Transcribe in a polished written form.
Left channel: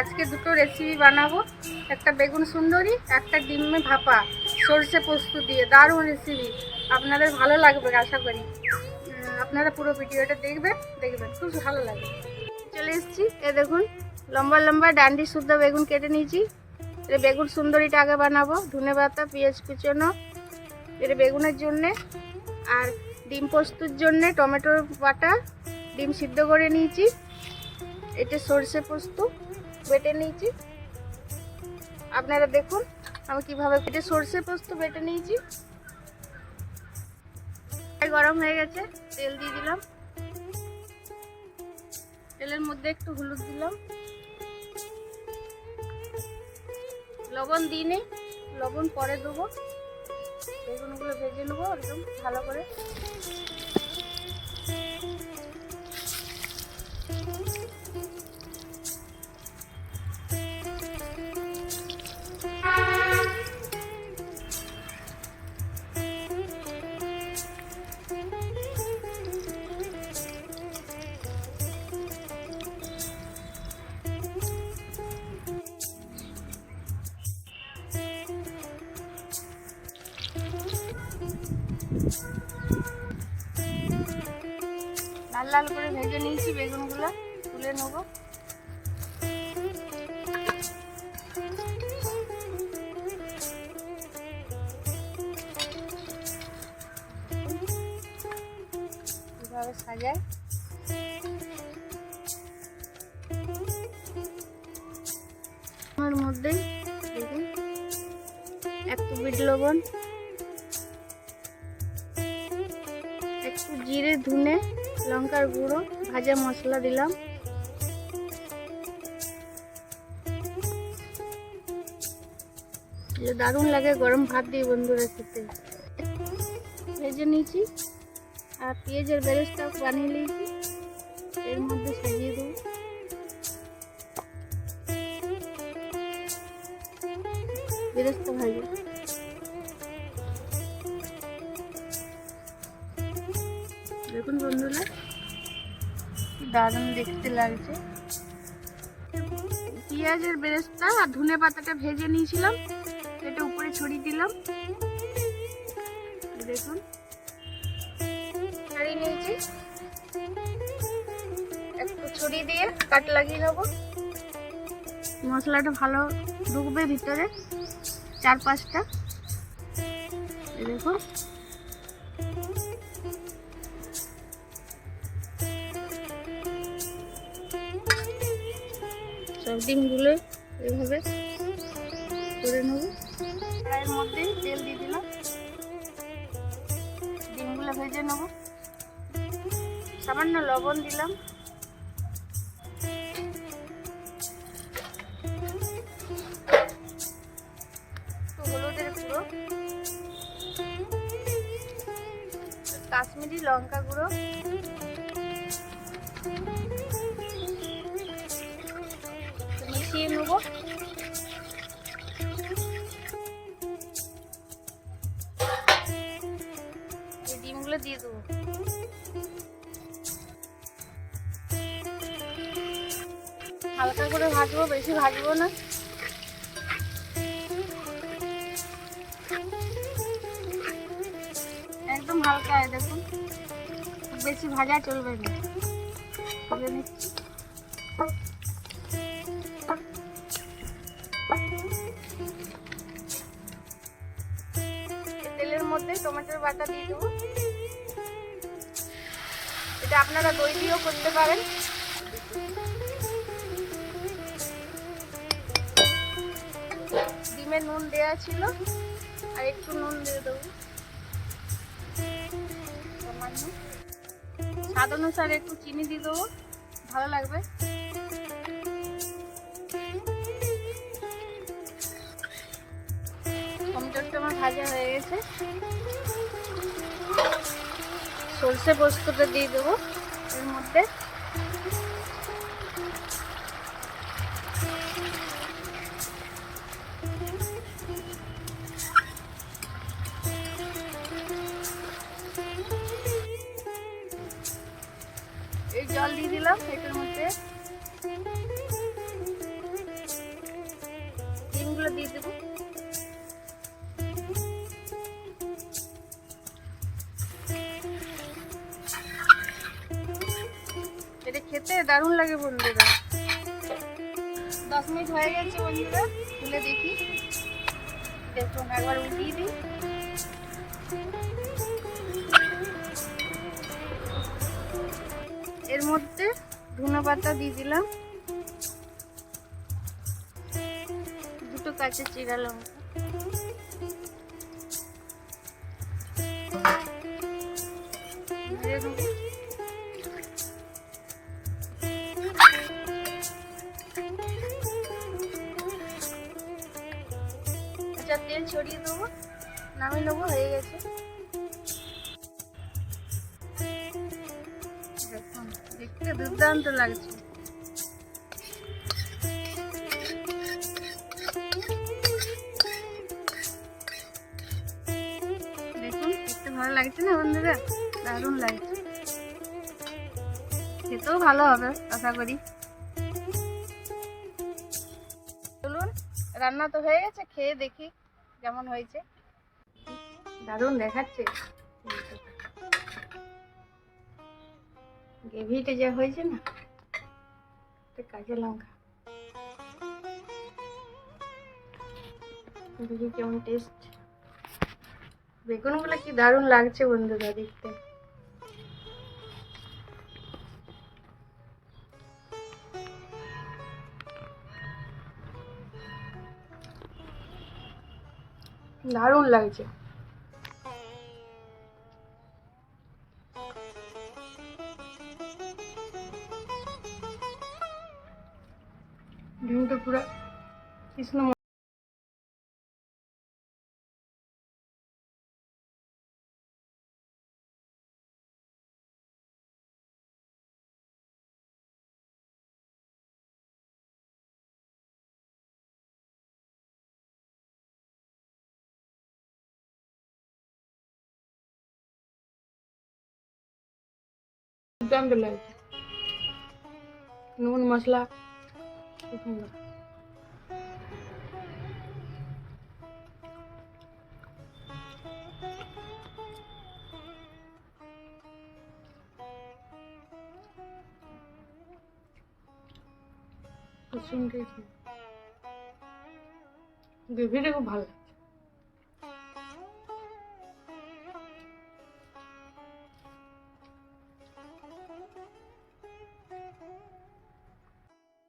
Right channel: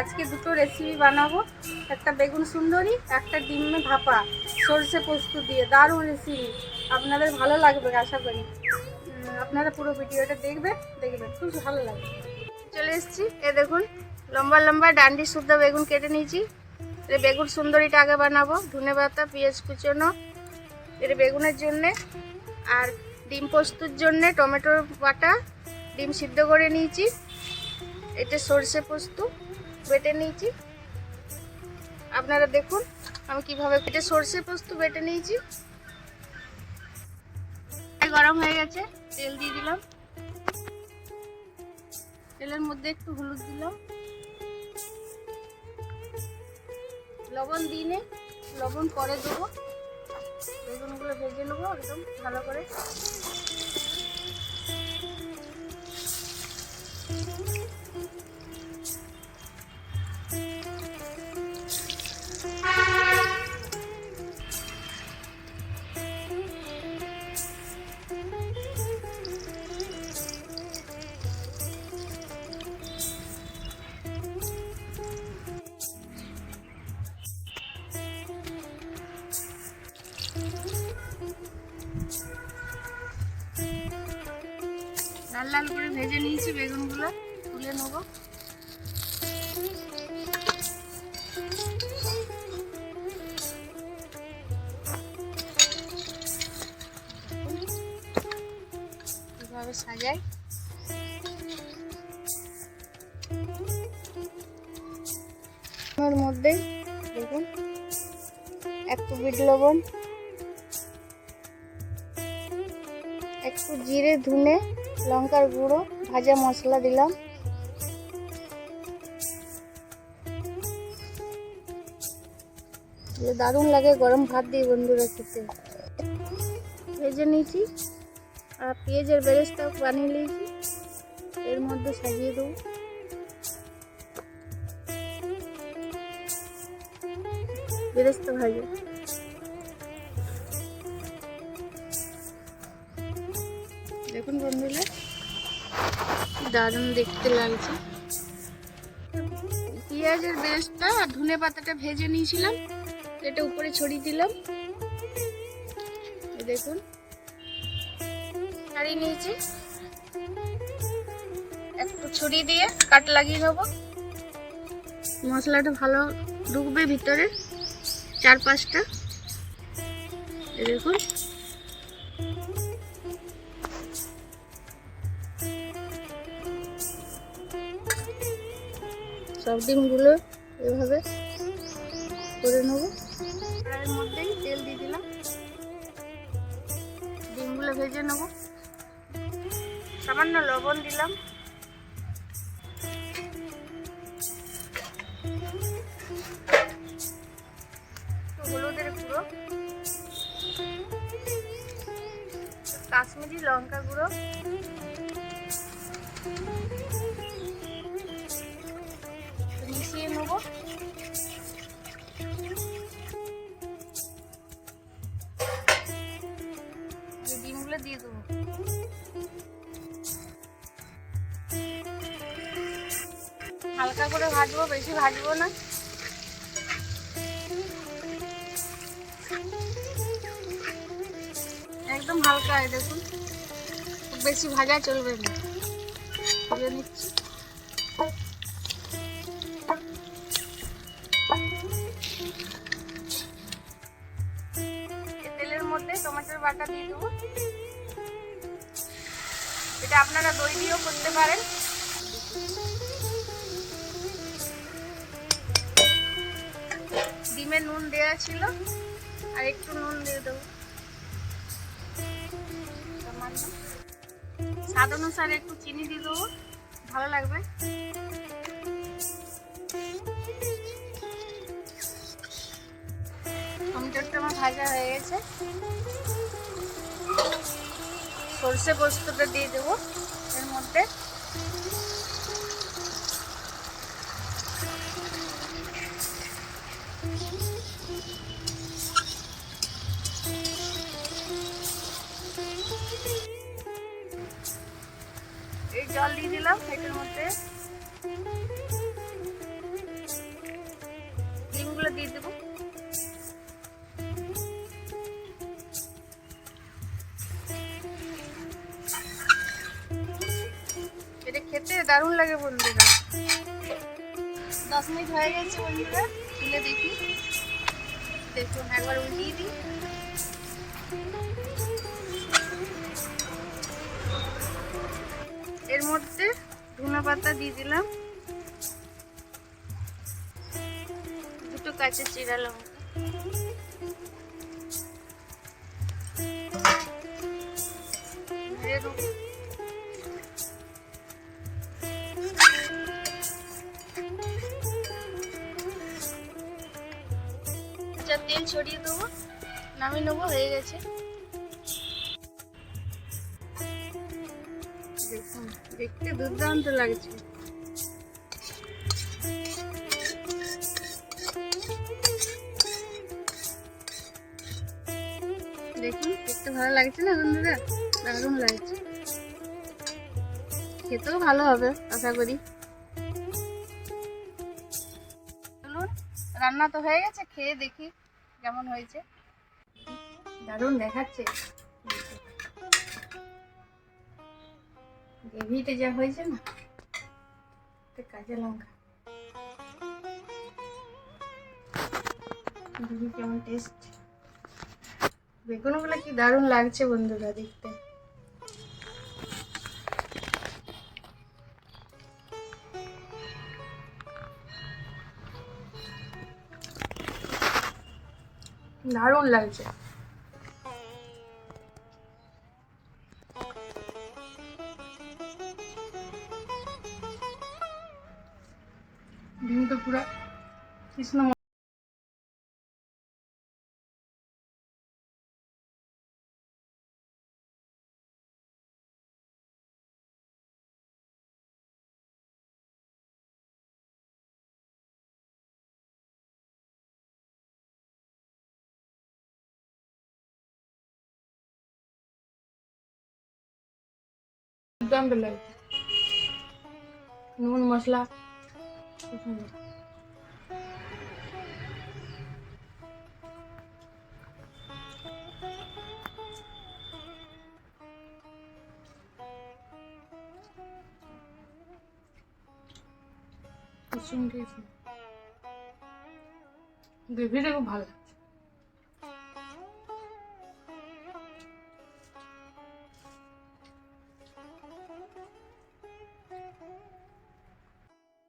আজকে দুটো রেসিপি বানাবো, একটা বেগুন সুন্দরী, একটা ডিমে ভাপা সরষে পোস্ত দিয়ে। দারুণ রেসিপি, আপনাদের ভালো লাগবে আশা করি। আপনারা পুরো ভিডিওটা দেখবেন, খুব ভালো লাগবে। চলে এসেছি, এ দেখুন লম্বা লম্বা ডান্ডি শুদ্ধ বেগুন কেটে নিয়েছি। এটা বেগুন সুন্দরীটা আগে বানাবো। ধনে পাতা, পেঁয়াজ কুচনো এটা বেগুনের জন্যে, আর ডিম পোস্তর জন্যে টমেটো বাটা, ডিম সিদ্ধ করে নিয়েছি। এটা সরষে পোস্ত বেটে নিয়েছি। আপনারা দেখুন আমি কিভাবে এটা সরষে পোস্ত বেটে নিয়েছি। গরম হয়ে গেছে, তেল দিয়ে দিলাম। তেলের মধ্যে একটু হলুদ দিলাম, লবণ দিয়ে নে, লবণ পরে দেবো। বেগুনগুলো ভেজে নেবো একদম ভালো করে। লাল লাল করে ভেজে নিয়েছি, বেগুনগুলো তুলে নেবো। এভাবে সাজাই। এর মধ্যে দেখুন একটু বিট লবণ, একটু জিরে, ধনে, লঙ্কার গুঁড়ো, ভাজা মশলা দিলাম। দারুণ লাগে গরম ভাত দিয়ে বন্ধুরা খেতে। ভেজে নিয়েছি আর পেঁয়াজের বেরেস্তা বানিয়ে নিয়েছি, এর মধ্যে সাজিয়ে দেবো। বেরেস্তা ভাজা দেখুন বন্ধুরা, দারুণ দেখতে লাগছে। পেঁয়াজের বেরেস্তা আর ধনে পাতাটা ভেজে নিয়েছিলাম, এটা উপরে ছড়িয়ে দিলাম। দেখুন ছাড়িয়ে নিয়েছি, একটু ছড়িয়ে দিয়ে কাট লাগিয়ে নেবো। মশলাটা ভালো ঢুকবে ভিতরে, 4-5টা। দেখুন সব ডিমগুলো এভাবে করে নেব। এর মধ্যেই তেল দিয়ে দিলাম, ডিমগুলো ভেজে নেব। সামান্য লবণ দিলাম, হলুদের গুঁড়ো, কাশ্মীরি লঙ্কা গুঁড়ো, মিশিয়ে নেব। ডিমগুলো দিয়ে দেবো। হালকা করে ভাজবো, বেশি ভাজবো না। একদম হালকা, দেখুন খুব বেশি ভাজা চলবে না। ভেজে নিচ্ছি। তেলের মধ্যে টমেটোর বাটা দিয়ে দেবো। এটা আপনারা দই দিয়েও করতে পারেন। ডিমে নুন দেওয়া ছিল, আর একটু নুন দিয়ে দেবো। স্বাদ অনুসারে একটু চিনি দিয়ে দেবো, ভালো লাগবে। টমেটোটা আমার ভাজা হয়ে গেছে, সরষে পোস্তটা দিয়ে দেবো এর মধ্যে। এই জল দিয়ে দিলাম এটার মধ্যে। দারুণ লাগে বন্ধুরা। 10 মিনিট হয়ে গেছে বন্ধুরা, খুলে দেখি। দেখুন একবার উল্টিয়ে দিই। এর মধ্যে ধনে পাতা দিয়ে দিলাম, দুটো কাঁচা জিরা লঙ্কা, তেল ছড়িয়ে দেবো, নামিয়ে নেবো, হয়ে গেছে। দেখুন দেখতে দুর্দান্ত লাগছে। দেখুন দেখতে ভালো লাগছে না বন্ধুরা, দারুণ লাগছে, খেতেও ভালো হবে আশা করি। চলুন, রান্না তো হয়ে গেছে, খেয়ে দেখি কেমন হয়েছে। দারুণ দেখাচ্ছে, গ্রেভিটা যা হয়েছে না, কাঁচা লঙ্কা দেখি কেমন টেস্ট। বেগুনগুলো কি দারুণ লাগছে বন্ধুরা দেখতে। দারুণ লাগছে। ডিমটা পুরো কৃষ্ণ দুর্দান্ত লাগছে, নুন মশলা গ্রেভিটা খুব ভালো।